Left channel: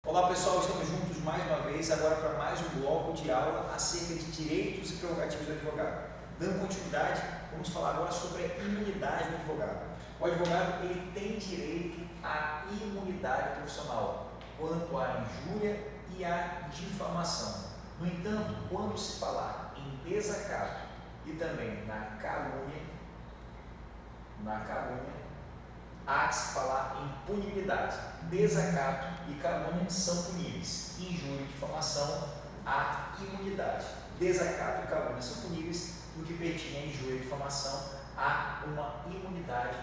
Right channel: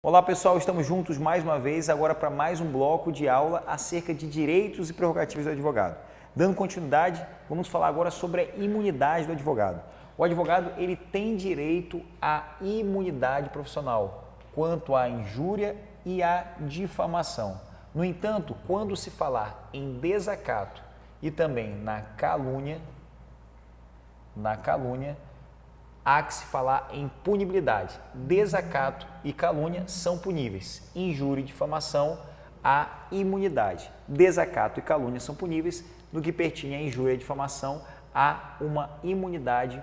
Olá pessoal, estamos juntos mais uma vez, agora para mais um bloco de aula acerca de direitos e prerrogativas do advogado. Dando continuidade, vamos falar agora sobre a imunidade do advogado. O advogado ele tem direito à imunidade profissional quanto à injúria e à difamação. No entanto, quando se falar em desacato e também na calúnia, há que se falar em punibilidade. Desacato e calúnia são puníveis. Injúria e difamação, há imunidade. Desacato e calúnia são puníveis. No que pertine à injúria e difamação, há uma imunidade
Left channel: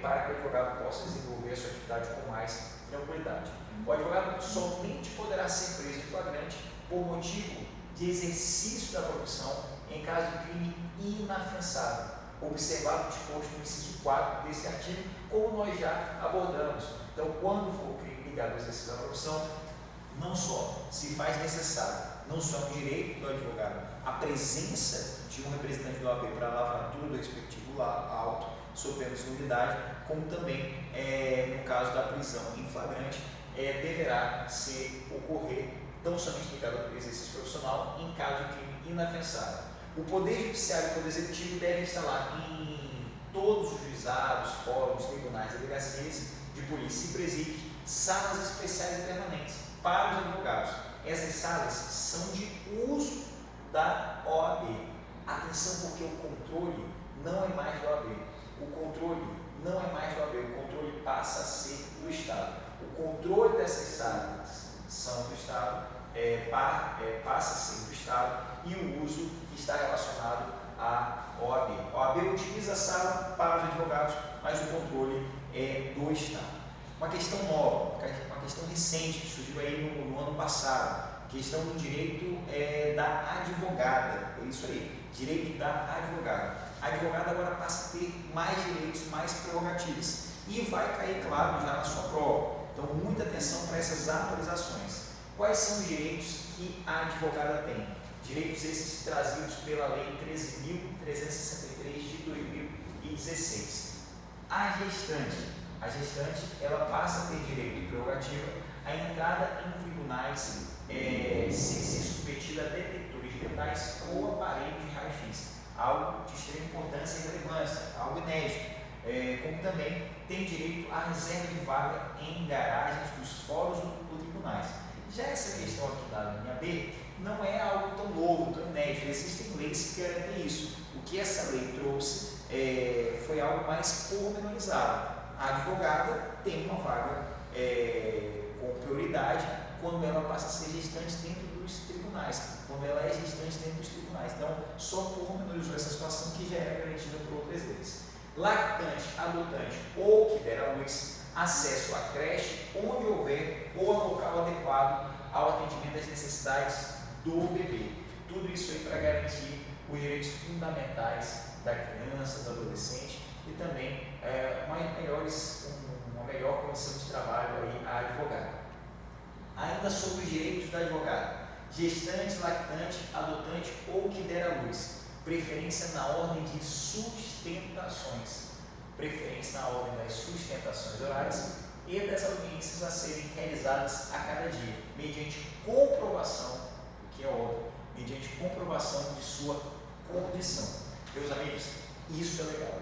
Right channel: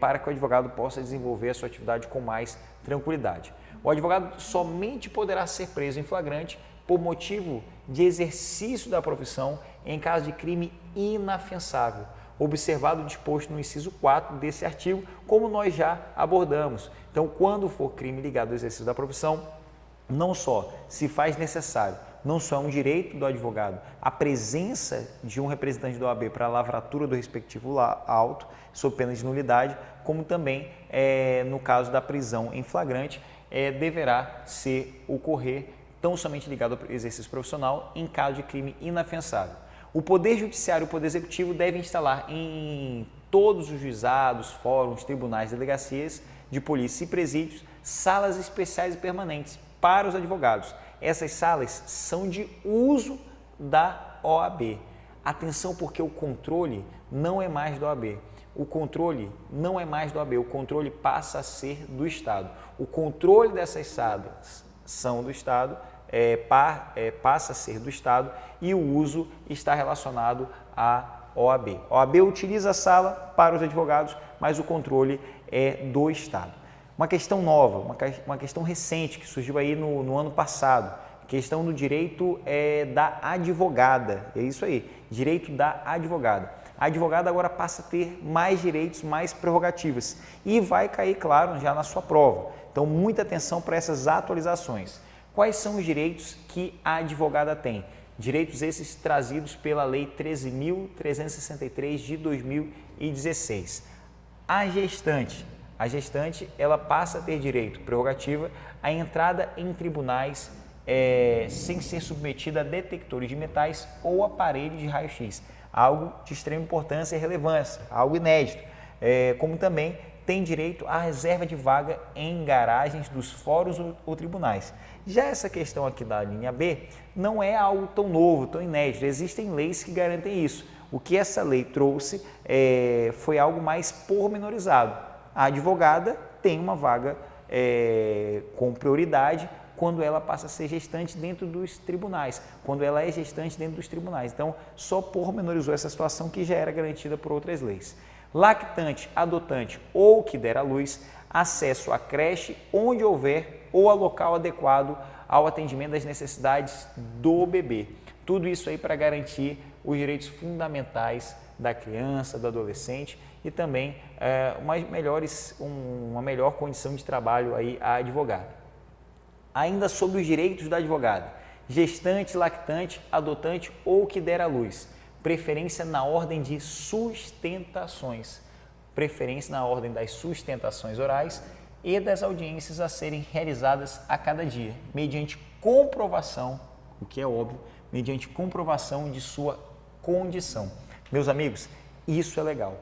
para que o advogado possa desenvolver a sua atividade com mais tranquilidade. O advogado somente poderá ser preso em flagrante por motivo de exercício da profissão em caso de crime inafensável, observado o disposto no inciso 4 desse artigo, como nós já abordamos. Então, quando for crime ligado ao exercício da profissão, não só se faz necessário, não só é um direito do advogado a presença de um representante da OAB para a lavratura do respectivo auto, sob pena de nulidade, como também, no caso da prisão em flagrante, deverá ocorrer tão somente ligado ao exercício profissional em caso de crime inafensável. O Poder Judiciário e o Poder Executivo devem instalar em todos os juizados, fóruns, tribunais, delegacias de polícia e presídios salas especiais e permanentes para os advogados. Essas salas são de uso da OAB. Atenção, porque o controle não é mais da OAB. O controle não é mais da OAB, o controle passa a ser do Estado. O controle dessas salas são do Estado, passa a ser do Estado, e o uso está relacionado à OAB. A OAB utiliza a sala para os advogados, mas o controle é do Estado. Uma questão nova, uma questão recente que surgiu aí no ano passado, questão do direito da advogada. É isso aí, direito da advogada. A advogada agora passa a ter mais direitos, mais prerrogativas e vai cair, claro, já na sua prova. Então, muita atenção para essas atualizações. Quais são os direitos que a advogada tem? Direitos esses trazidos pela Lei 13.363 de 2016. A gestante ela passa a ter direito, prerrogativa, à entrada em tribunais sem ser submetida a detectores de metais ou aparelhos de raio-x. Algo de extrema importância e relevância, algo inédito. Como também tem direito à reserva de vaga em garagens dos fóruns ou tribunais. Já essa questão aqui da linha B não é algo tão novo, tão inédito. Existem leis que garantem isso. O que essa lei trouxe foi algo mais pormenorizado. A advogada tem uma vaga com prioridade quando ela passa a ser gestante dentro dos tribunais, quando ela é gestante dentro dos tribunais. Então, só pormenorizou essa situação que já era garantida por outras leis. Lactante, adotante ou que der à luz, acesso à creche onde houver ou a local adequado ao atendimento das necessidades do bebê. Tudo isso aí para garantir os direitos fundamentais da criança, do adolescente e também uma melhor condição de trabalho aí à advogada. Ainda sobre os direitos da advogada: gestante, lactante, adotante ou que der à luz. Preferência na ordem de sustentações. Preferência na ordem das sustentações orais e das audiências a serem realizadas a cada dia, mediante comprovação, o que é óbvio, mediante comprovação de sua condição. Meus amigos, isso é legal.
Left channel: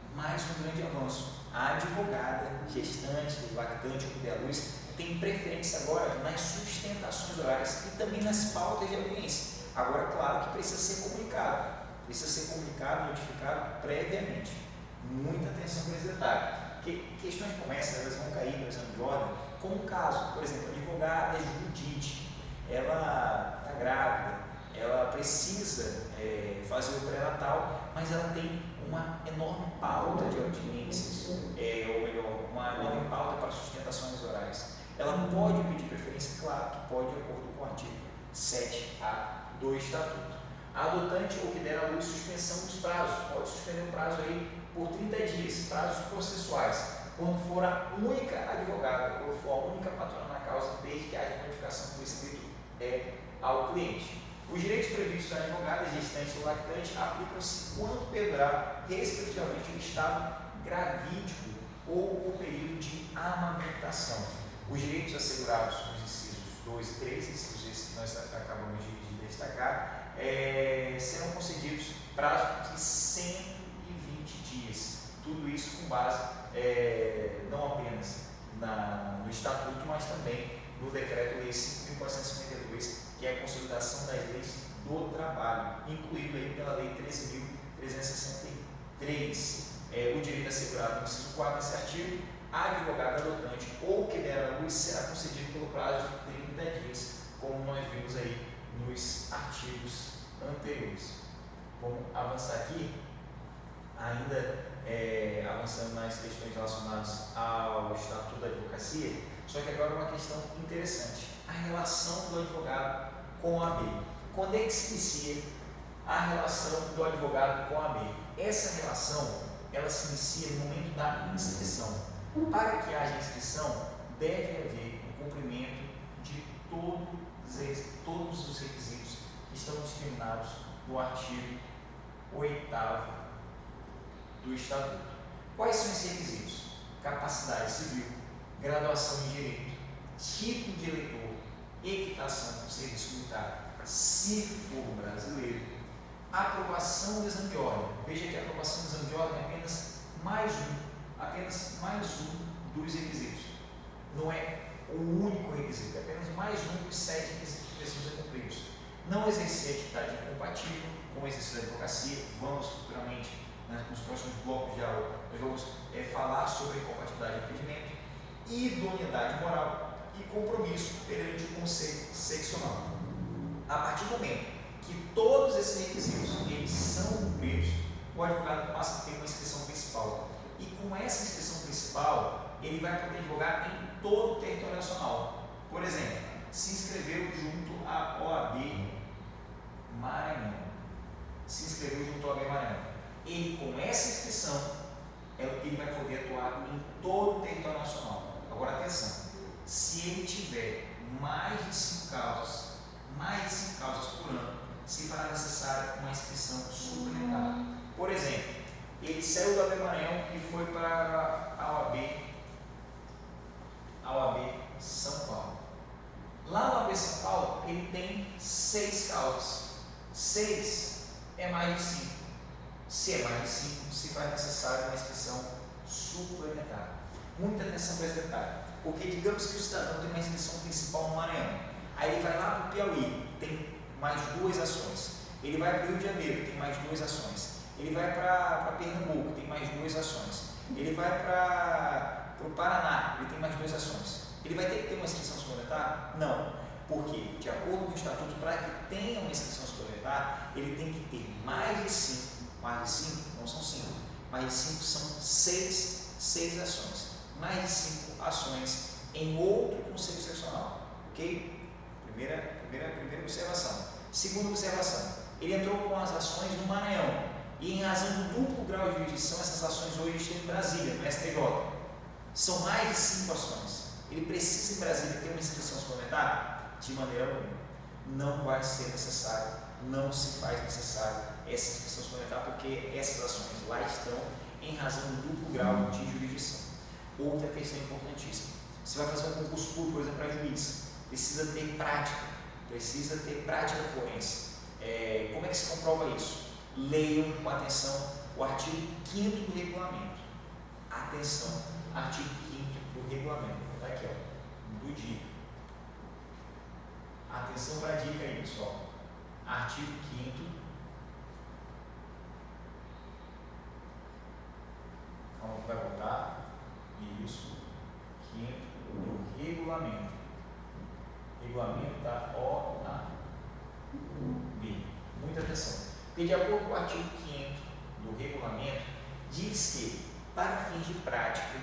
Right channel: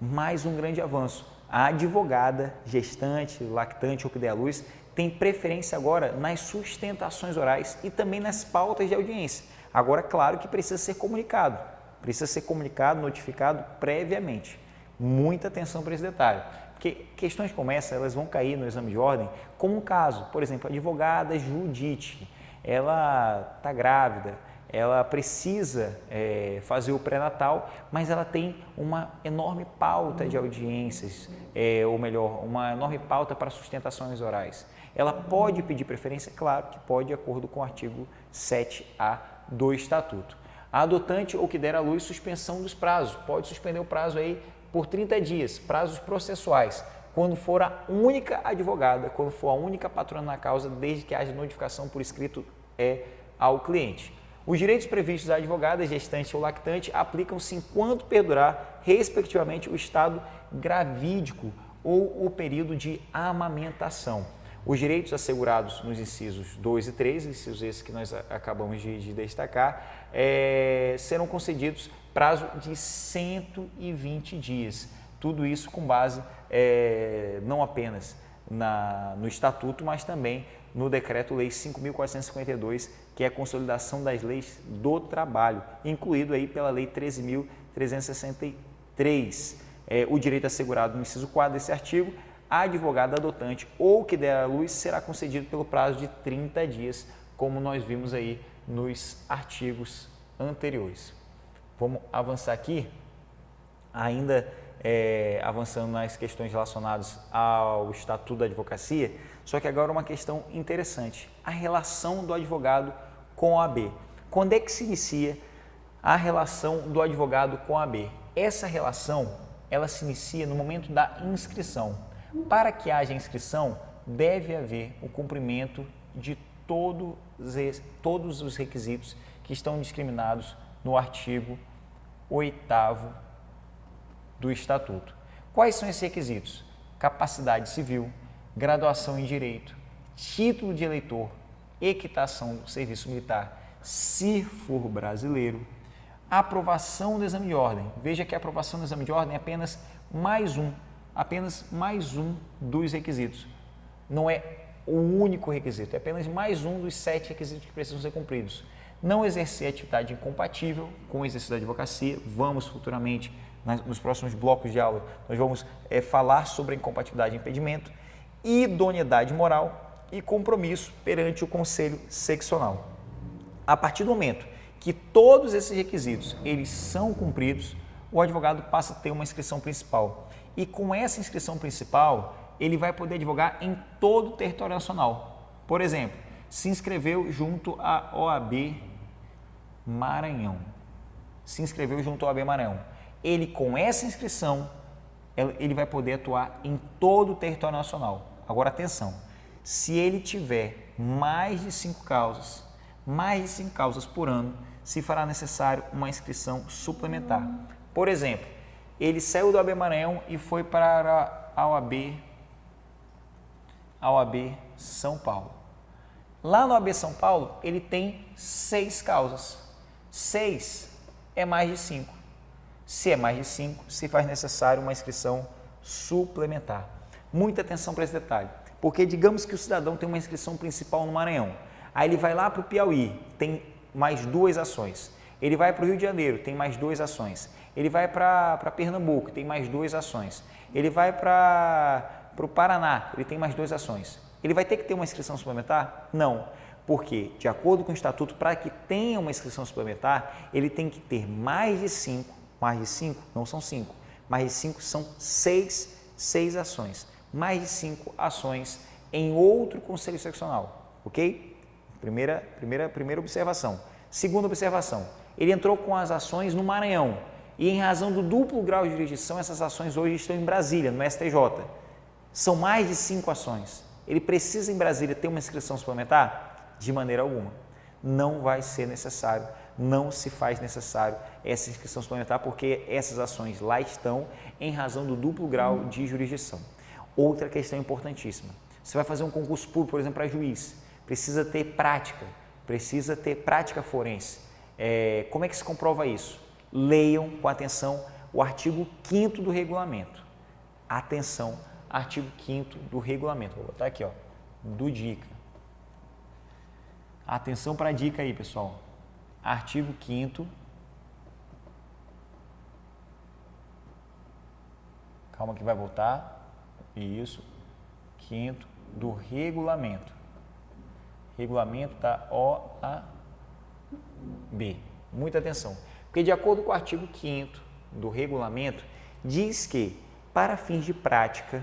Mais um grande avanço. A advogada, gestante, lactante ou que der à luz, tem preferência agora nas sustentações orais e também nas pautas de audiência. Agora, claro que precisa ser comunicado, notificado previamente. Muita atenção para esse detalhe, porque questões como essa, elas vão cair no exame de ordem como um caso. Por exemplo, a advogada Judite, ela está grávida, ela precisa fazer o pré-natal, mas ela tem uma enorme pauta de audiências, ou melhor, uma enorme pauta para sustentações orais. Ela pode pedir preferência? Claro que pode, de acordo com o artigo 7A do Estatuto. A adotante ou que der à luz, suspensão dos prazos. Pode suspender o prazo aí por 30 dias, prazos processuais, quando for a única advogada, quando for a única patrona na causa, desde que haja notificação por escrito ao cliente. Os direitos previstos da advogada, gestante ou lactante aplicam-se enquanto perdurar, respectivamente, o estado gravídico ou o período de amamentação. Os direitos assegurados nos incisos 2 e 3, incisos esses que nós acabamos de destacar, serão concedidos prazo de 120 dias. Tudo isso com base não apenas no Estatuto, mas também no Decreto-Lei 5.452, que é a consolidação das leis do trabalho, incluído aí pela Lei 13.363. O direito assegurado no inciso 4 desse artigo, a advogada adotante ou que der à luz será concedido pelo prazo de 30 dias, como nós vimos aí nos artigos anteriores. Vamos avançar aqui, ainda avançando nas questões relacionadas ao Estatuto da Advocacia, só que agora uma questão interessante, a relação do advogado com a OAB. Quando é que se inicia a relação do advogado com a OAB? Essa relação, ela se inicia no momento da inscrição. Para que haja inscrição, deve haver o cumprimento de todos os requisitos que estão discriminados no artigo 8º do Estatuto. Quais são esses requisitos? Capacidade civil, graduação em Direito, título de eleitor, equitação do serviço militar, se for brasileiro, aprovação do exame de ordem. Veja que a aprovação do exame de ordem é apenas mais um dos requisitos. Não é o único requisito, é apenas mais um dos 7 requisitos que precisam ser cumpridos. Não exercer atividade incompatível com o exercício da advocacia. Vamos futuramente, nos próximos blocos de aula, nós vamos falar sobre a incompatibilidade e impedimento, idoneidade moral e compromisso perante o Conselho Seccional. A partir do momento que todos esses requisitos eles são cumpridos, o advogado passa a ter uma inscrição principal. E com essa inscrição principal, ele vai poder advogar em todo o território nacional. Por exemplo, se inscreveu junto à OAB Maranhão. Ele, com essa inscrição, ele vai poder atuar em todo o território nacional. Agora, atenção, se ele tiver mais de 5 causas por ano, se fará necessário uma inscrição suplementar. Por exemplo, ele saiu do OAB Maranhão e foi para a OAB São Paulo. Lá no OAB São Paulo, ele tem 6 causas. 6 é mais de 5. Se é mais de 5, se faz necessário uma inscrição suplementar. Muita atenção para esse detalhe, porque digamos que o cidadão tem uma inscrição principal no Maranhão, aí ele vai lá para o Piauí, tem mais 2 ações. Ele vai para o Rio de Janeiro, tem mais 2 ações. Ele vai para Pernambuco, tem mais 2 ações. Ele vai para o Paraná, ele tem mais 2 ações. Ele vai ter que ter uma inscrição suplementar? Não, porque, de acordo com o Estatuto, para que tenha uma inscrição suplementar, ele tem que ter mais de 5, não são 5, mais de 5 são 6 ações, mais de 5 ações em outro conselho seccional, ok? Primeira observação. Segunda observação, ele entrou com as ações no Maranhão e, em razão do duplo grau de jurisdição, essas ações hoje estão em Brasília, no STJ. São mais de 5 ações. Ele precisa em Brasília ter uma inscrição suplementar? De maneira alguma. Não vai ser necessário, não se faz necessário essa inscrição suplementar, porque essas ações lá estão em razão do duplo grau de jurisdição. Outra questão importantíssima. Você vai fazer um concurso público, por exemplo, para juiz. Precisa ter prática forense. Como é que se comprova isso? Leiam com atenção o artigo 5º do regulamento. Atenção, artigo 5º do regulamento. Vou botar aqui, ó, do dica. Atenção para a dica aí, pessoal. Artigo 5º. Calma que vai voltar. Isso. 5º do regulamento. Regulamento da OAB. Muita atenção. Porque, de acordo com o artigo 5º do regulamento, diz que, para fins de prática,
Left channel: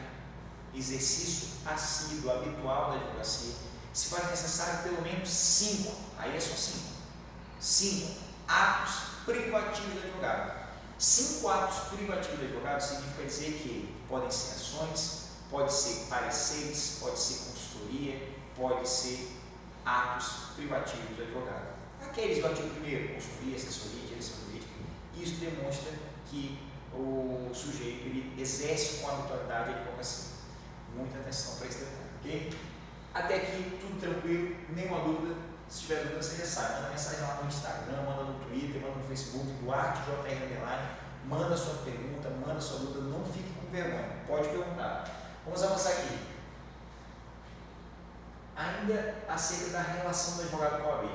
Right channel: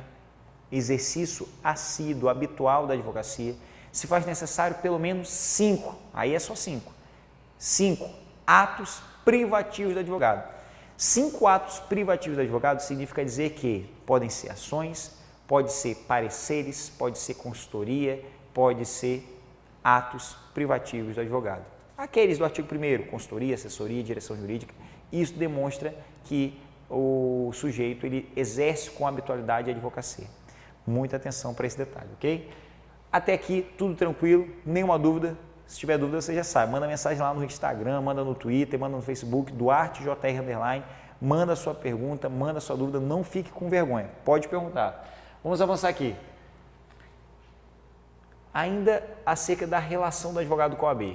exercício assíduo, habitual da advocacia, se faz necessário pelo menos 5, aí é só 5 atos privativos do advogado. 5 atos privativos do advogado significa dizer que podem ser ações, pode ser pareceres, pode ser consultoria, pode ser atos privativos do advogado. Aqueles do artigo 1º, consultoria, assessoria, direção jurídica, isso demonstra que o sujeito ele exerce com habitualidade a advocacia. Muita atenção para esse detalhe, ok? Até aqui, tudo tranquilo, nenhuma dúvida. Se tiver dúvida, você já sabe. Manda mensagem lá no Instagram, manda no Twitter, manda no Facebook, DuarteJR_. Manda a sua pergunta, manda a sua dúvida, não fique com vergonha. Pode perguntar. Vamos avançar aqui. Ainda acerca da relação do advogado com a OAB.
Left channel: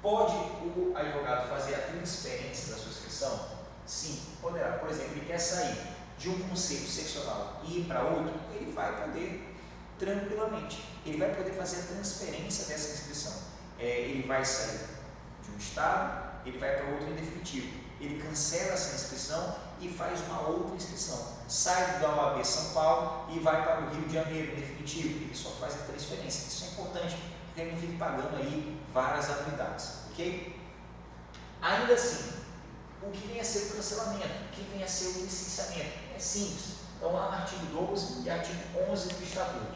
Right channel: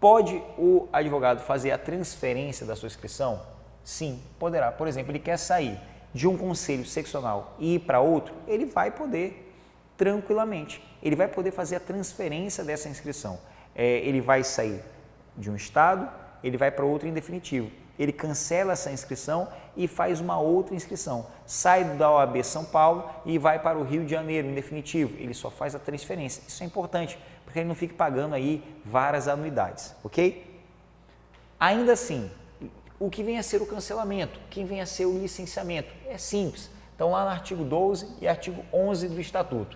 Pode o advogado fazer a transferência da sua inscrição? Sim, poderá. Por exemplo, ele quer sair de um conselho seccional e ir para outro, ele vai poder tranquilamente. Ele vai poder fazer a transferência dessa inscrição. Ele vai sair de um estado, ele vai para outro em definitivo. Ele cancela essa inscrição e faz uma outra inscrição. Sai da OAB São Paulo e vai para o Rio de Janeiro em definitivo. Ele só faz a transferência. Isso é importante, para que ele não fique pagando aí várias anuidades, ok? Ainda assim, o que vem a ser o cancelamento? O que vem a ser o licenciamento? É simples. Então, lá no artigo 12 e artigo 11 do Estatuto,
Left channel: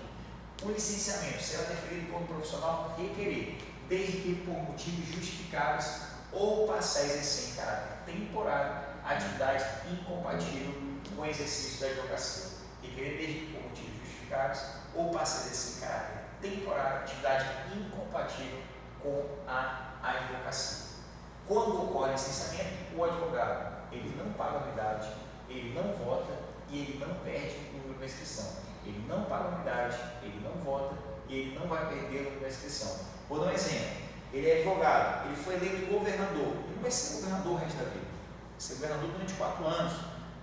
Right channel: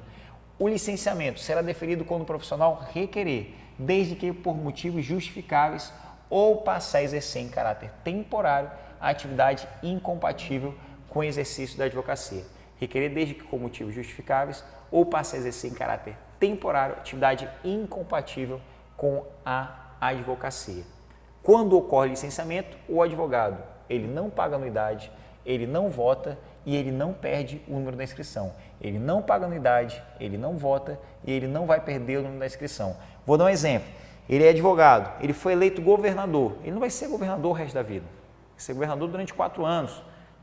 o licenciamento será deferido quando o profissional requerer, desde que por motivos justificáveis ou passar a exercer em caráter temporário a atividade incompatível com o exercício da advocacia. Requerer desde que por motivos justificáveis ou passar a exercer em caráter temporário atividade incompatível com a advocacia. Quando ocorre licenciamento, o advogado ele não paga anuidade, ele não vota e ele não perde o número da inscrição. Ele não paga anuidade, ele não vota e ele não vai perder o número da inscrição. Vou dar um exemplo. Ele é advogado, ele foi eleito governador, ele não vai ser governador o resto da vida, vai ser governador durante 4 anos,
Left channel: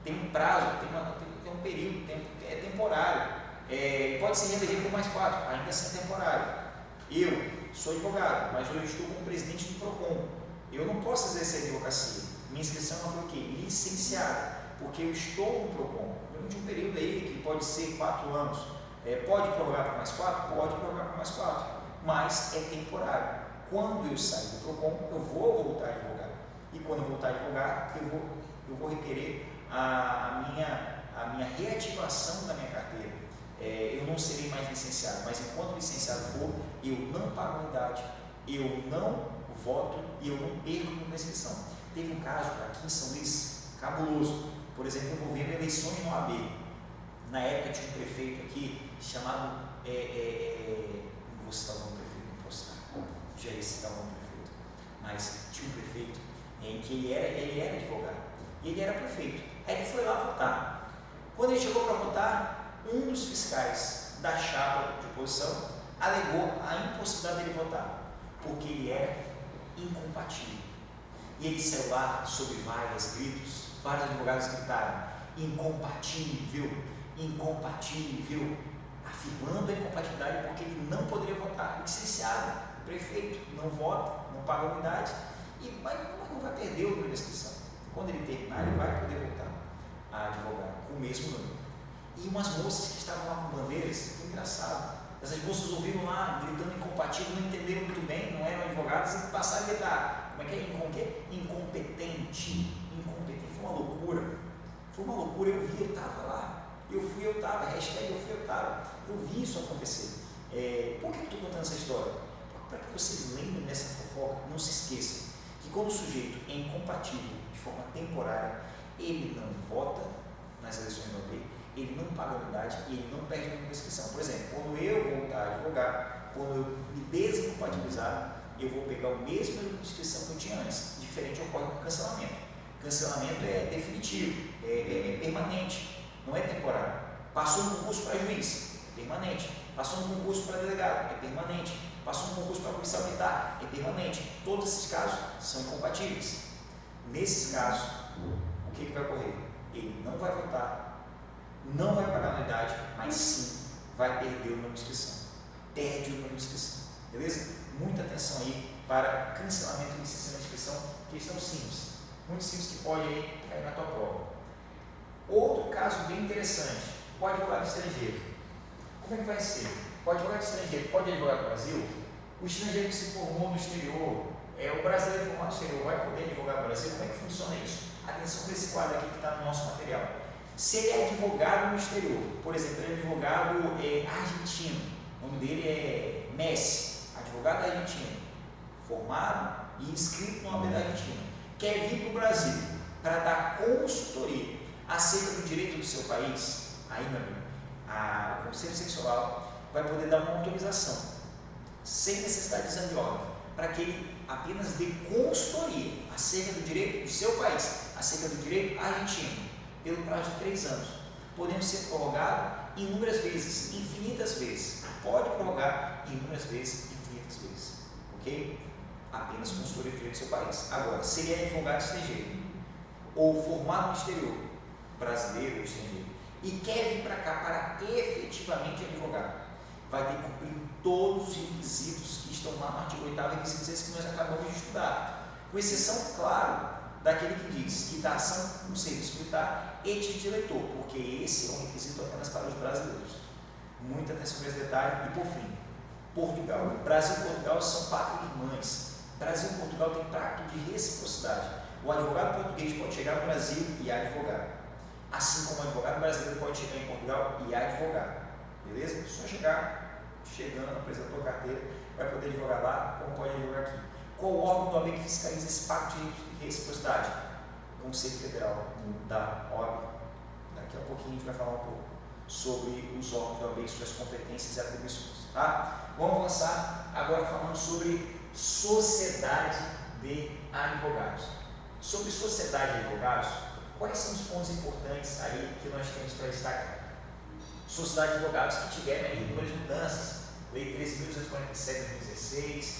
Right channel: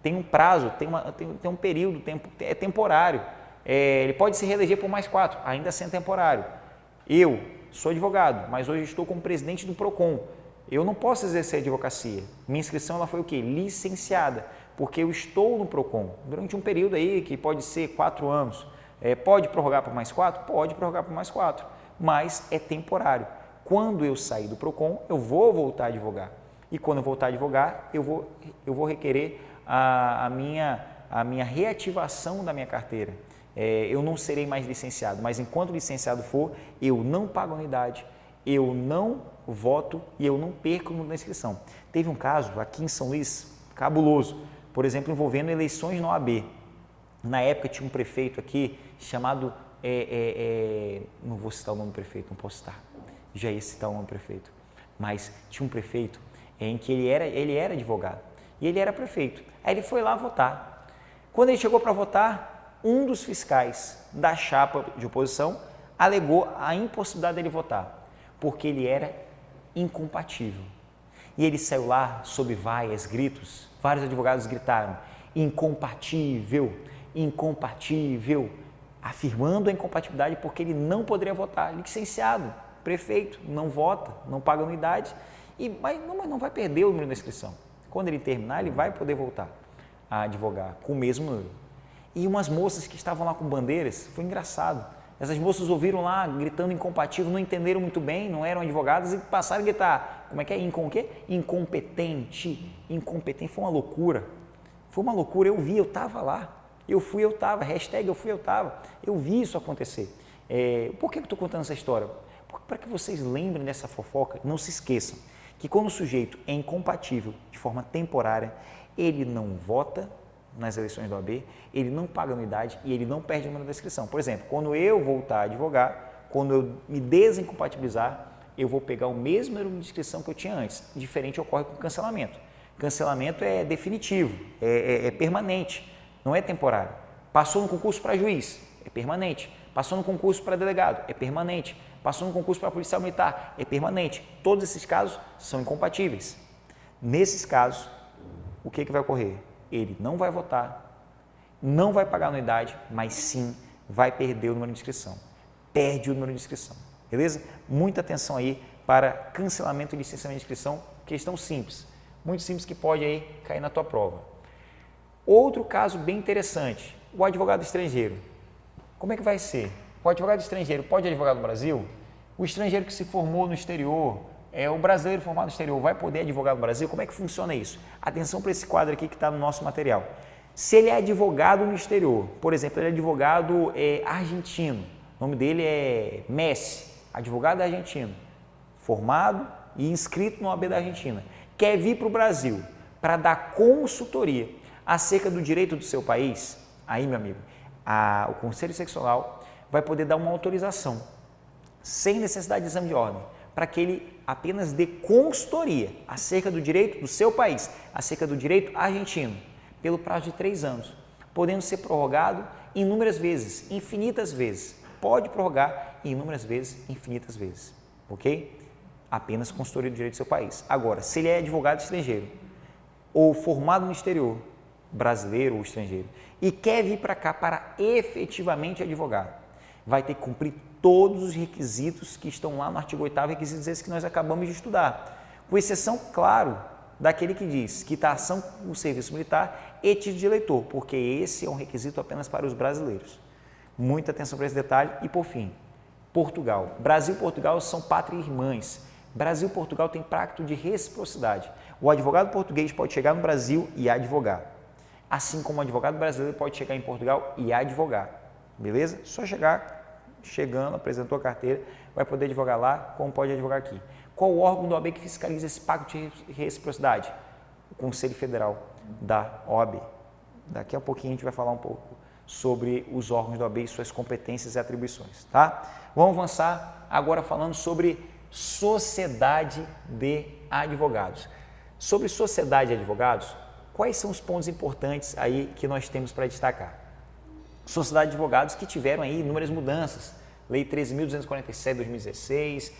tem um prazo, tem um período, é temporário, ele pode se reeleger por mais 4, ainda sendo temporário. Eu sou advogado, mas hoje estou como presidente do PROCON, eu não posso exercer advocacia, minha inscrição ela foi o quê? Licenciada, porque eu estou no PROCON, durante um período aí que pode ser 4 anos, pode prorrogar por mais 4? Pode prorrogar por mais 4, mas é temporário. Quando eu sair do PROCON, eu vou voltar a advogar. E quando eu voltar a advogar, eu vou requerer a minha reativação da minha carteira. Eu não serei mais licenciado, mas enquanto licenciado for, eu não pago anuidade, eu não voto e eu não perco na inscrição. Teve um caso aqui em São Luís, cabuloso, por exemplo, envolvendo eleições na OAB. Na época tinha um prefeito aqui chamado, não vou citar o nome do prefeito, não posso citar. Já ia citar o nome do prefeito, mas tinha um prefeito em que ele era advogado e ele era prefeito. Aí ele foi lá votar. Quando ele chegou para votar, um dos fiscais da chapa de oposição alegou a impossibilidade dele votar, porque ele era incompatível. E ele saiu lá sob vaias, gritos, vários advogados gritaram, incompatível, incompatível, afirmando a incompatibilidade porque ele não poderia votar, licenciado. Prefeito, não vota, não paga anuidade, mas não vai perder o número da inscrição. Quando ele terminar, ele vai poder voltar a advogar com o mesmo número. E umas moças que estavam lá com bandeiras, foi engraçado. Essas moças ouviram lá gritando incompatível, não entenderam muito bem, não eram advogadas e passaram a gritar. Como é que é? Incompetente. Incompetente. Foi uma loucura. Foi uma loucura. Eu vi, eu estava lá. Eu fui, eu estava. Hashtag eu fui, eu estava. Eu vi isso acontecer. Por que eu estou contando essa história? Para que vocês lembrem dessa fofoca, não se esqueçam que quando o sujeito é incompatível de forma temporária, ele não vota nas eleições da OAB, ele não paga anuidade e ele não perde o número da inscrição. Por exemplo, quando eu voltar a advogar, quando eu me desincompatibilizar, eu vou pegar o mesmo número de inscrição que eu tinha antes. Diferente ocorre com o cancelamento. Cancelamento é definitivo, é permanente, não é temporário. Passou no concurso para juiz, é permanente. Passou no concurso para delegado, é permanente. Passou no concurso para policial militar, é permanente. Todos esses casos são incompatíveis. Nesses casos, o que vai ocorrer? Ele não vai votar, não vai pagar anuidade, mas sim vai perder o número de inscrição. Perde o número de inscrição. Beleza? Muita atenção aí para cancelamento e licenciamento de inscrição, questão simples. Muito simples que pode aí cair na tua prova. Outro caso bem interessante, o advogado estrangeiro. Como é que vai ser? O advogado estrangeiro pode advogar no Brasil? O estrangeiro que se formou no exterior, o brasileiro formado no exterior, vai poder advogar no Brasil? Como é que funciona isso? Atenção para esse quadro aqui que está no nosso material. Se ele é advogado no exterior, por exemplo, ele é advogado argentino, o nome dele é Messi, advogado argentino, formado e inscrito no OAB da Argentina, quer vir para o Brasil para dar consultoria acerca do direito do seu país, aí, meu amigo, o Conselho Seccional vai poder dar uma autorização, sem necessidade de exame de ordem, para que ele apenas dê consultoria acerca do direito do seu país, acerca do direito argentino, pelo prazo de 3 anos. Podemos ser prorrogado inúmeras vezes, infinitas vezes. Pode prorrogar inúmeras vezes, infinitas vezes, ok? Apenas consultoria do direito do seu país. Agora, se ele é advogado estrangeiro ou formado no exterior, brasileiro ou estrangeiro, e quer vir para cá para efetivamente advogado, vai ter que cumprir todos os requisitos que estão lá no artigo 8º, requisitos esses que nós acabamos de estudar, com exceção, claro, daquele que diz quitação no serviço militar e título de eleitor, porque esse é um requisito apenas para os brasileiros. Muita atenção para esse detalhe. E por fim, Portugal. Brasil e Portugal são pátrias irmãs. Brasil e Portugal têm pacto de reciprocidade. O advogado português pode chegar no Brasil e advogar, assim como o advogado brasileiro pode chegar em Portugal e advogar. Beleza? Só chegando, apresentou a carteira, vai poder advogar lá, como pode advogar aqui. Qual o órgão da OAB que fiscaliza esse pacto de reciprocidade? O Conselho Federal da OAB. Daqui a pouquinho a gente vai falar um pouco sobre os órgãos da OAB e suas competências e atribuições, tá? Vamos avançar agora falando sobre sociedade de advogados. Sobre sociedade de advogados, quais são os pontos importantes aí que nós temos para destacar? Sociedade de advogados que tiveram aí inúmeras mudanças. Lei 13.247 de 2016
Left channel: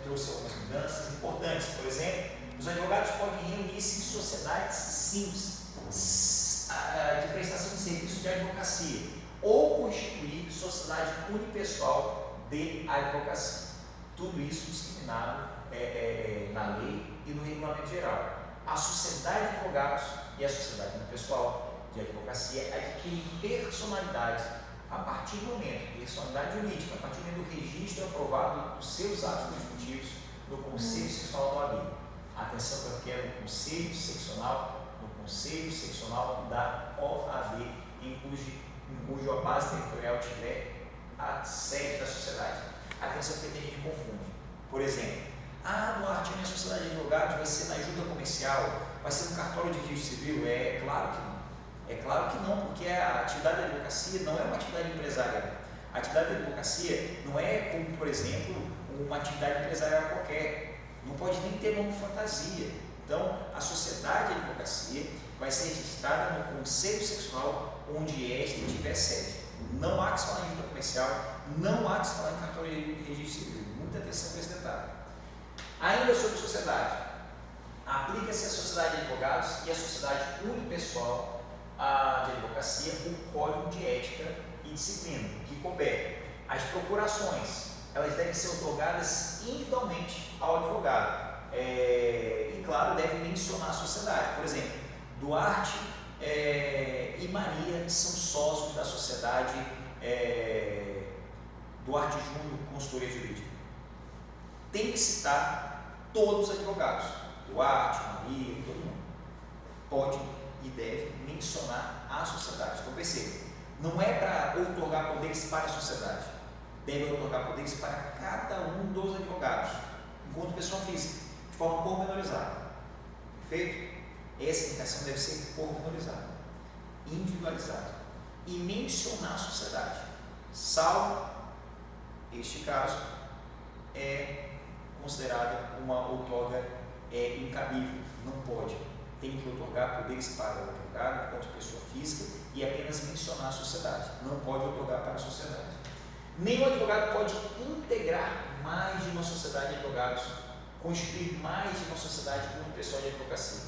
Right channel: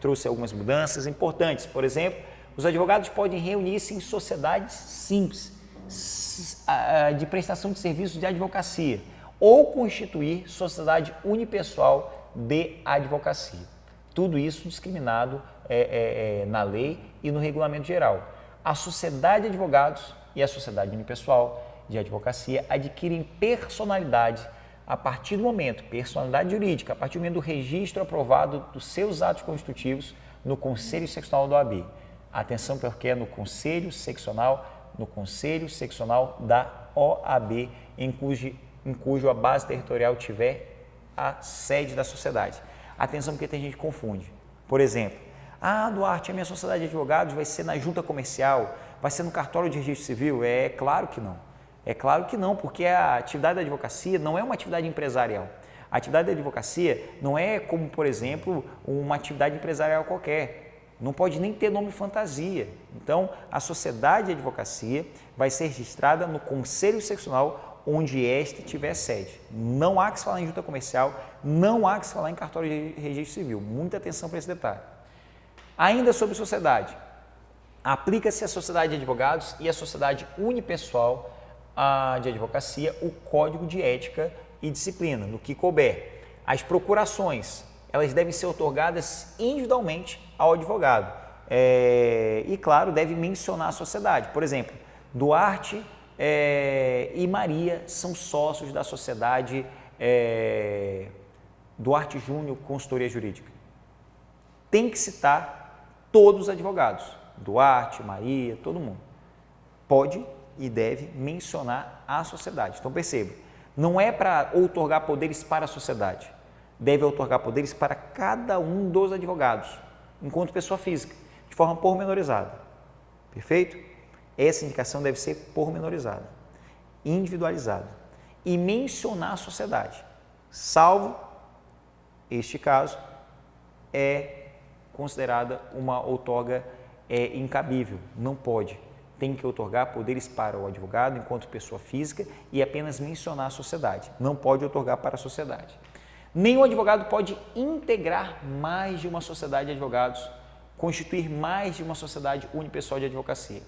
trouxe algumas mudanças importantes. Por exemplo, os advogados podem reunir-se em sociedades simples de prestação de serviços de advocacia ou constituir sociedade unipessoal de advocacia. Tudo isso discriminado na lei e no regulamento geral. A sociedade de advogados e a sociedade unipessoal de advocacia adquirem personalidade a partir do momento, personalidade jurídica, a partir do momento do registro aprovado dos seus atos constitutivos no Conselho Seccional da OAB. Atenção, porque é no Conselho Seccional da OAB, em cujo a base territorial tiver a sede da sociedade. Atenção, porque tem gente que confunde. Por exemplo, Duarte, a minha sociedade de advogados vai ser na junta comercial, vai ser no cartório de registro civil? É claro que não. É claro que não, porque a atividade da advocacia não é uma atividade empresarial. A atividade da advocacia não é como, por exemplo, uma atividade empresarial qualquer. Não pode nem ter nome fantasia. Então, a sociedade de advocacia vai ser registrada no Conselho Seccional onde este tiver sede. Não há que se falar em junta comercial, não há que se falar em cartório de registro civil. Muita atenção para esse detalhe. Ainda sobre sociedade, aplica-se à sociedade de advogados e à sociedade unipessoal de advocacia o Código de Ética e Disciplina, no que couber. As procurações, elas devem ser otorgadas individualmente ao advogado. E, claro, deve mencionar a sociedade. Por exemplo, Duarte e Maria são sócios da sociedade Duarte Júnior Consultoria Jurídica. Tem que citar todos os advogados, Duarte, Maria, todo mundo. Pode e deve mencionar a sociedade. Então perceba, não é para outorgar poderes para a sociedade, deve outorgar poderes para cada um dos advogados, enquanto pessoa física, de forma pormenorizada. Perfeito? Essa indicação deve ser pormenorizada, individualizada e mencionar a sociedade, salvo este caso é considerada uma outorga incabível, não pode. Tem que outorgar poderes para o advogado enquanto pessoa física e apenas mencionar a sociedade. Não pode outorgar para a sociedade. Nenhum advogado pode integrar mais de uma sociedade de advogados, constituir mais de uma sociedade unipessoal de advocacia.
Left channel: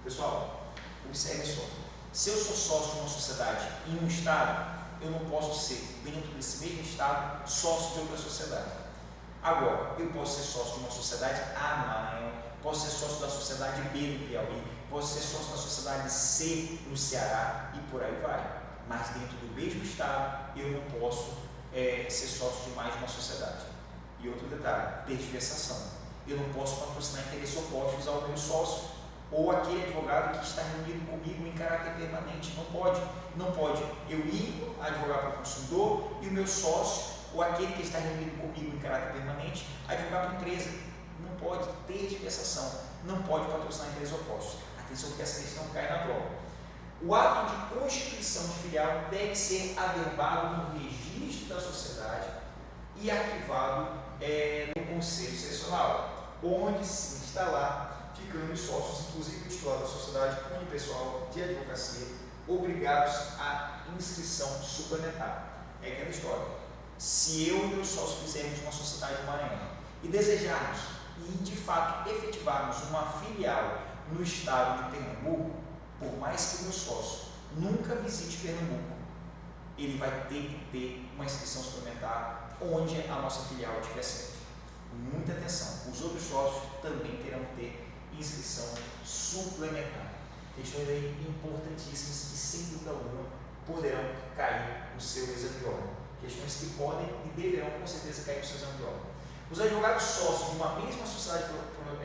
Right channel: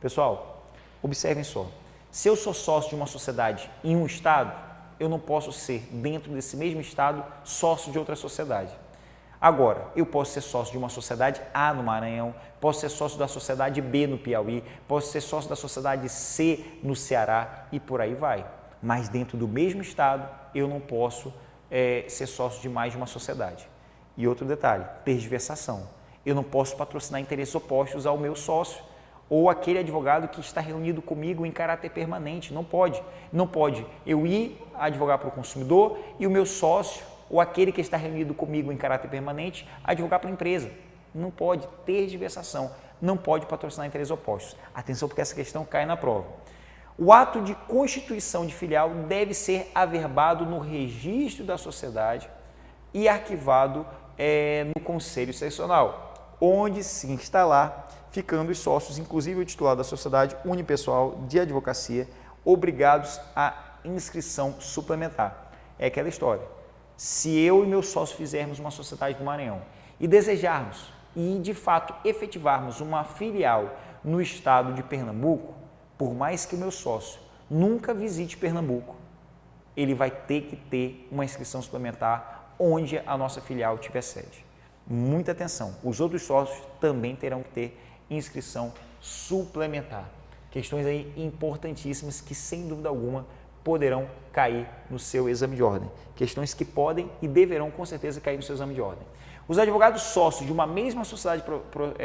Pessoal, observem só. Se eu sou sócio de uma sociedade em um estado, eu não posso ser, dentro desse mesmo estado, sócio de outra sociedade. Agora, eu posso ser sócio de uma sociedade A no Maranhão, posso ser sócio da sociedade B no Piauí, posso ser sócio da sociedade C no Ceará e por aí vai. Mas dentro do mesmo estado, eu não posso ser sócio de mais de uma sociedade. E outro detalhe, tergiversação. Eu não posso patrocinar interesses opostos ao meu sócio ou aquele advogado que está reunido comigo em caráter permanente. Não pode. Não pode eu ir advogar para o consumidor e o meu sócio ou aquele que está reunido comigo em caráter permanente advogar para a empresa. Não pode ter diversação, não pode patrocinar interesses opostos. Atenção, porque essa questão cai na prova. O ato de constituição de filial deve ser averbado no registro da sociedade e arquivado no Conselho Seccional, onde se instalar, ficando os sócios, inclusive o titular da sociedade unipessoal de advocacia, obrigados à inscrição suplementar. É aquela história. Se eu e meu sócio fizermos uma sociedade do Maranhão e desejarmos e de fato efetivarmos uma filial no estado de Pernambuco, por mais que o meu sócio nunca visite Pernambuco, ele vai ter que ter uma inscrição suplementar onde a nossa filial tiver sede. Muita atenção, os outros sócios também terão que ter inscrição suplementar. Questões aí importantíssimas que, sem dúvida alguma, poderão cair no seu exame de ordem. Questões que podem e deverão, com certeza, cair no seu exame de ordem. Os advogados sócios de uma mesma sociedade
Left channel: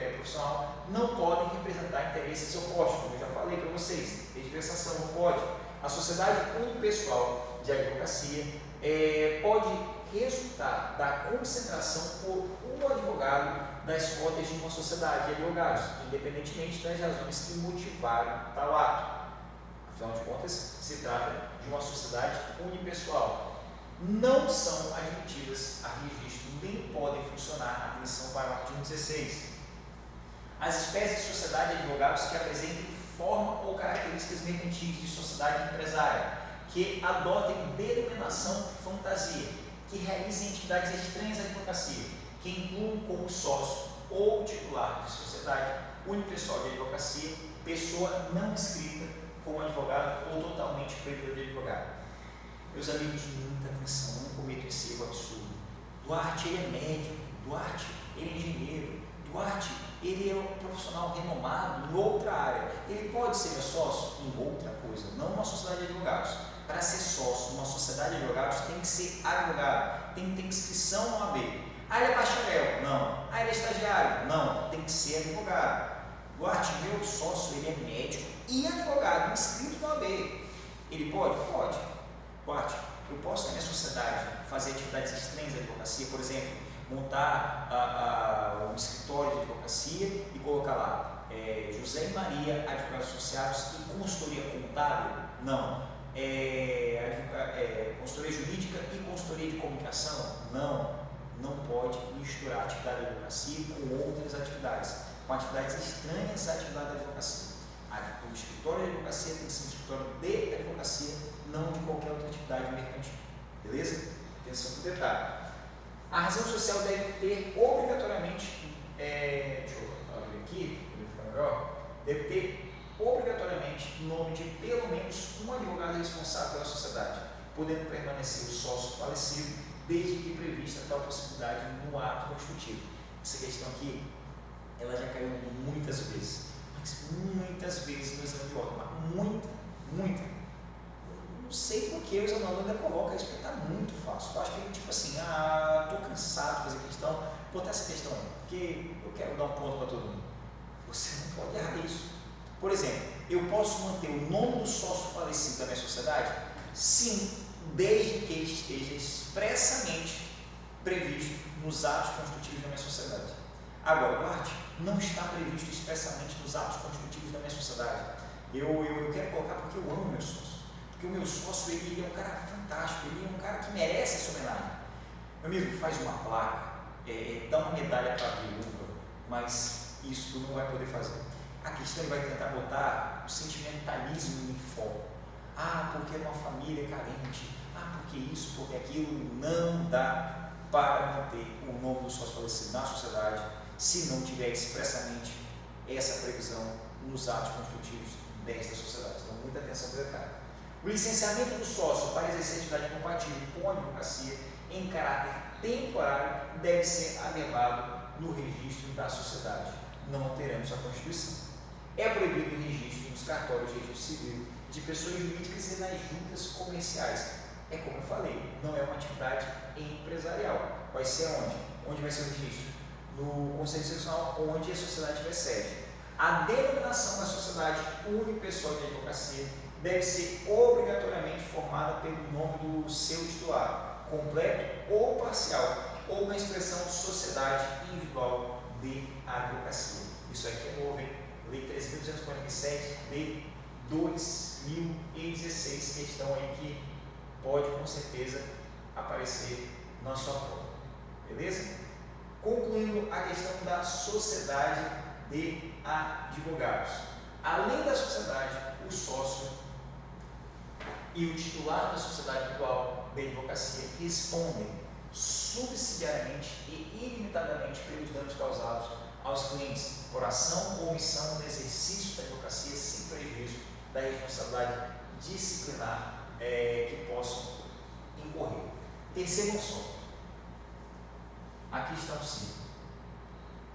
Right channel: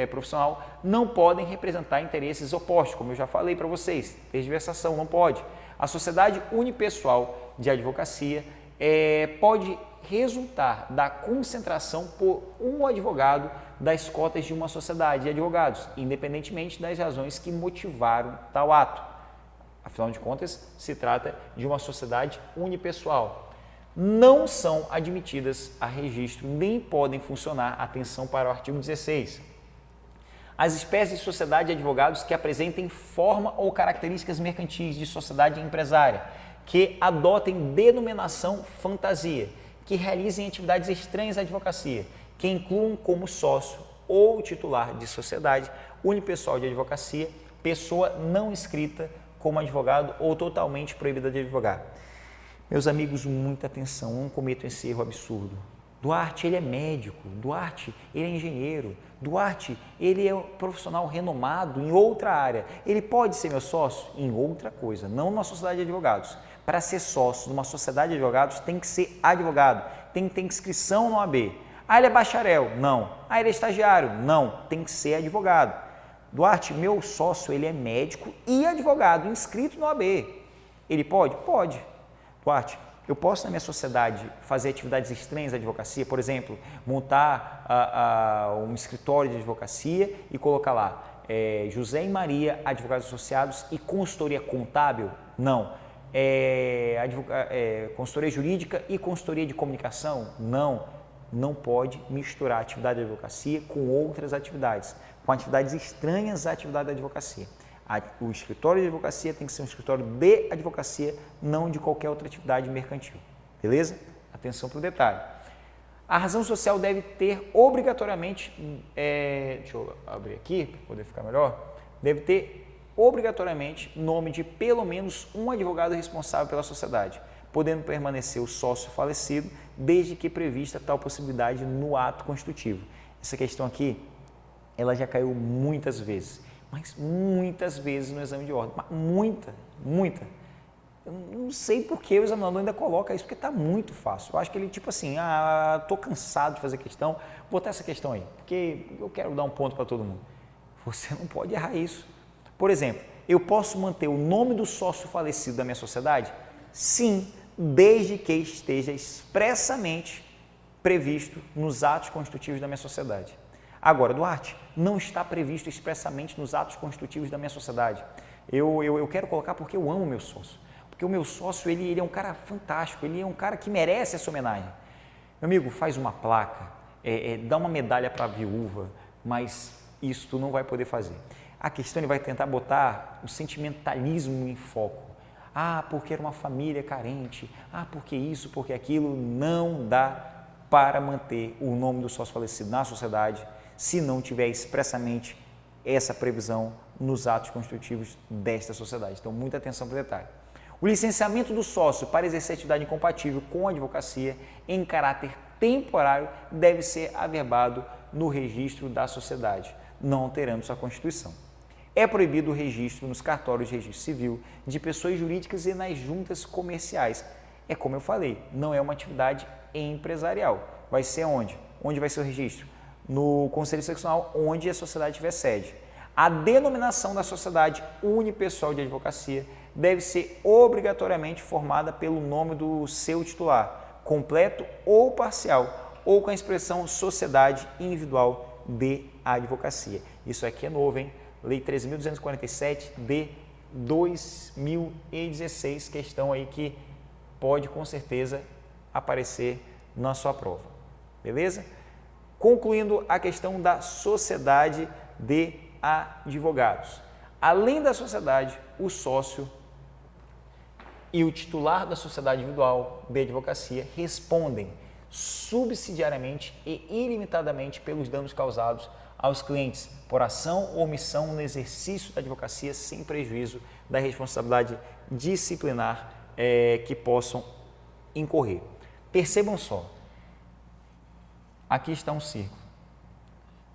profissional não podem representar interesses opostos, como eu já falei para vocês. Tergiversação não pode. A sociedade unipessoal de advocacia pode resultar da concentração por um advogado das cotas de uma sociedade de advogados, independentemente das razões que motivaram tal ato. Afinal de contas, se trata de uma sociedade unipessoal. Não são admitidas a registro, nem podem funcionar, atenção para o artigo 16, as espécies de sociedade de advogados que apresentem forma ou características mercantis de sociedade empresária, que adotem denominação fantasia, que realizem atividades estranhas à advocacia, que incluam como sócio ou titular de sociedade unipessoal de advocacia, pessoa não inscrita como advogado ou totalmente proibida de advogar. Meus amigos, muita atenção, não cometam esse erro absurdo. Duarte, ele é médico, Duarte, ele é engenheiro, Duarte, ele é um profissional renomado em outra área. Ele pode ser meu sócio em outra coisa, não numa sociedade de advogados. Para ser sócio numa sociedade de advogados, tem que ser advogado, tem que ter inscrição no OAB. Ah, ele é bacharel? Não. Ah, ele é estagiário? Não. Tem que ser advogado. Duarte, meu sócio, ele é médico e advogado, inscrito no OAB. Ele pode? Pode. Duarte, eu posso na minha sociedade fazer atividades estranhas à advocacia, por exemplo, montar um escritório de advocacia e colocar lá José e Maria, advogados associados e consultoria contábil? Não. Consultoria jurídica e consultoria de comunicação? Não. Não pode misturar atividade de advocacia com outras atividades, com atividades estranhas à atividade da advocacia. O escritório de advocacia tem que ser um escritório de advocacia, não de qualquer outra atividade mercantil. Beleza? Atenção para o detalhe. A razão social deve ter obrigatoriamente, deixa eu abrir aqui, para poder ficar melhor, deve ter obrigatoriamente nome de pelo menos um advogado responsável pela sociedade, podendo permanecer o sócio falecido, desde que prevista tal possibilidade no ato constitutivo. Essa questão aqui, ela já caiu muitas vezes. Mas muitas vezes no exame de ordem, muita. Eu não sei por que o examinador ainda coloca isso, porque está muito fácil. Eu acho que ele tipo assim, estou cansado de fazer questão, vou botar essa questão aí, porque eu quero dar um ponto para todo mundo. Você não pode errar isso. Por exemplo, eu posso manter o nome do sócio falecido da minha sociedade? Sim, desde que esteja expressamente previsto nos atos constitutivos da minha sociedade. Agora, Duarte, não está previsto expressamente nos atos constitutivos da minha sociedade. Eu quero colocar porque eu amo meu sócio. Porque o meu sócio, ele é um cara fantástico, ele é um cara que merece essa homenagem. Meu amigo, faz uma placa, dá uma medalha para a viúva, mas isso tu não vai poder fazer. A questão, ele vai tentar botar o sentimentalismo em foco. Porque era uma família carente, porque isso, porque aquilo, não dá para manter o nome do sócio falecido na sociedade, se não tiver expressamente essa previsão nos atos constitutivos desta sociedade. Então, muita atenção para o detalhe. O licenciamento do sócio para exercer atividade incompatível com a advocacia em caráter temporário deve ser averbado no registro da sociedade, não alterando sua constituição. É proibido o registro nos cartórios de registro civil de pessoas jurídicas e nas juntas comerciais. É como eu falei, não é uma atividade empresarial. Vai ser onde? Onde vai ser o registro? No Conselho Seccional, onde a sociedade tiver sede. A denominação da sociedade unipessoal de advocacia deve ser obrigatoriamente formada pelo nome do seu titular, completo ou parcial, ou com a expressão sociedade individual de advocacia. Isso aqui é novo, hein? Lei 13.247 de 2016, questão aí que pode com certeza aparecer na sua prova, beleza? Concluindo a questão da sociedade de advogados. Além da sociedade, o sócio e o titular da sociedade individual de advocacia respondem subsidiariamente e ilimitadamente pelos danos causados aos clientes por ação ou omissão no exercício da advocacia sem prejuízo da responsabilidade disciplinar que possam incorrer. Percebam só, aqui está um círculo,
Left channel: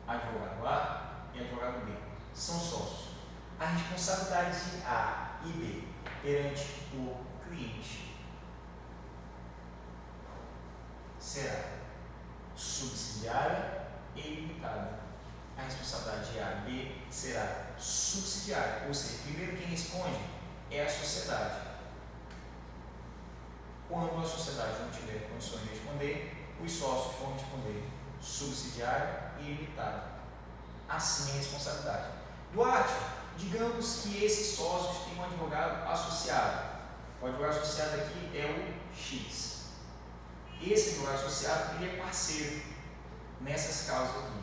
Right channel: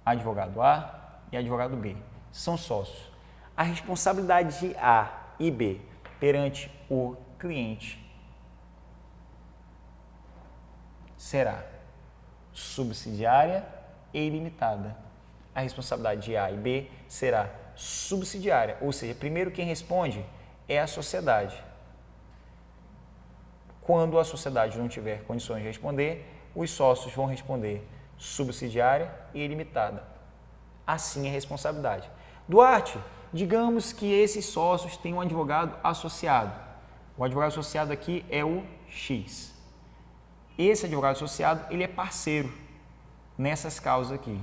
advogado A e advogado B, são sócios. A responsabilidade de A e B perante o cliente será subsidiária e ilimitada. A responsabilidade de A e B será subsidiária, ou seja, primeiro quem responde é a sociedade. Quando a sociedade não tiver condições de responder, os sócios vão responder subsidiária e ilimitada. Assim é a responsabilidade. Duarte, digamos que esses sócios têm um advogado associado. O advogado associado aqui é o X. Esse advogado associado, ele é parceiro nessas causas aqui.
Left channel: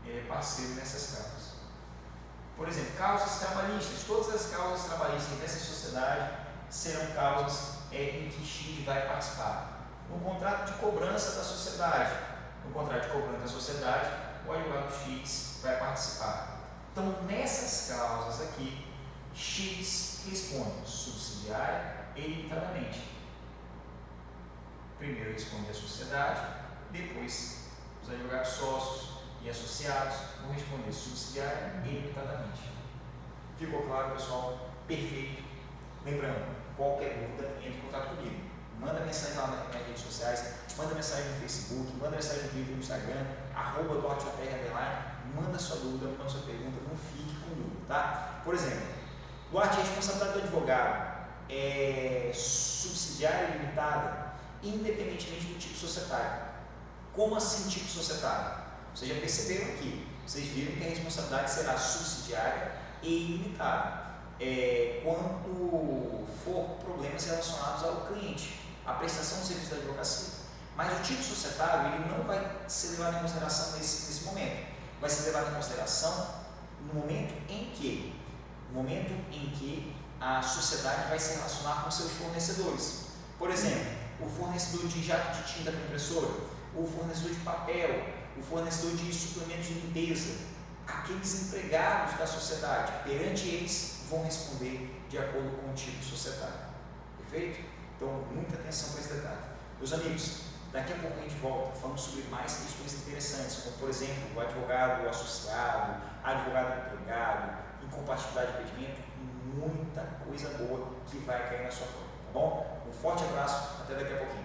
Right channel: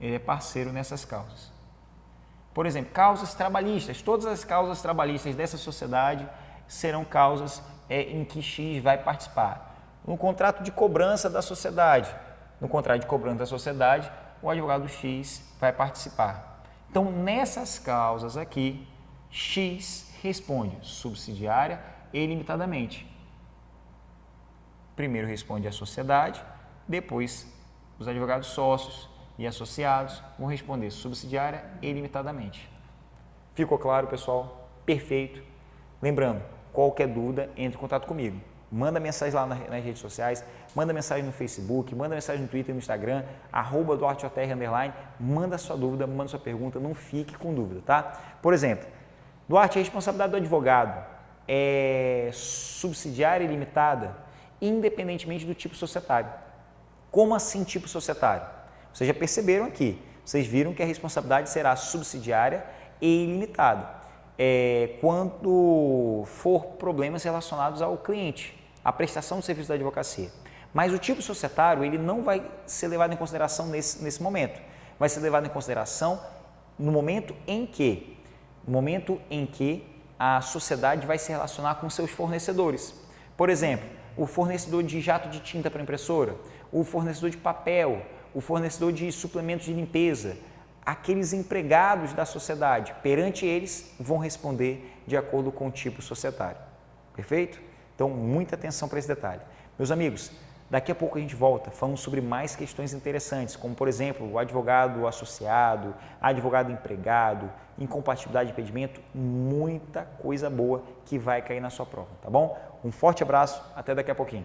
Ele é parceiro nessas causas. Por exemplo, causas trabalhistas. Todas as causas trabalhistas dessa sociedade serão causas em que X vai participar. No contrato de cobrança da sociedade, o advogado X vai participar. Então, nessas causas aqui, X responde subsidiária e ilimitadamente. Primeiro responde a sociedade, depois os advogados sócios e associados vão responder subsidiária e ilimitadamente. Ficou claro, pessoal? Perfeito. Lembrando, qualquer dúvida, entre em contato comigo. Manda mensagem lá nas redes sociais, manda mensagem no Facebook, manda mensagem no Twitter, no Instagram, @DuarteJR_, manda sua dúvida, manda sua pergunta, não fique com dúvida, tá? Por exemplo, Duarte, a responsabilidade do advogado é subsidiária e limitada, independentemente do tipo societário. Como assim tipo societário? Vocês já perceberam aqui, vocês viram que a responsabilidade será subsidiária e ilimitada. Quando for problemas relacionados ao cliente, à prestação do serviço da advocacia. Mas o tipo societário, ele não vai ser levado em consideração nesse momento. Vai ser levado em consideração no momento em que a sociedade vai se relacionar com seus fornecedores. Por exemplo, o fornecedor de jato de tinta para impressora, o fornecedor de papel, o fornecedor de suplementos de limpeza, aqueles empregados da sociedade, perante eles, vão responder de acordo com o tipo societário. Perfeito? Então, muita atenção para esse detalhe. Meus amigos, daqui a pouco a gente volta falando sobre mais questões interessantes, como, por exemplo, o advogado associado, advogado empregado, incompatibilidade de impedimento, muita coisa boa que vai cair na sua prova, tá bom? Um forte abraço, até daqui a pouquinho.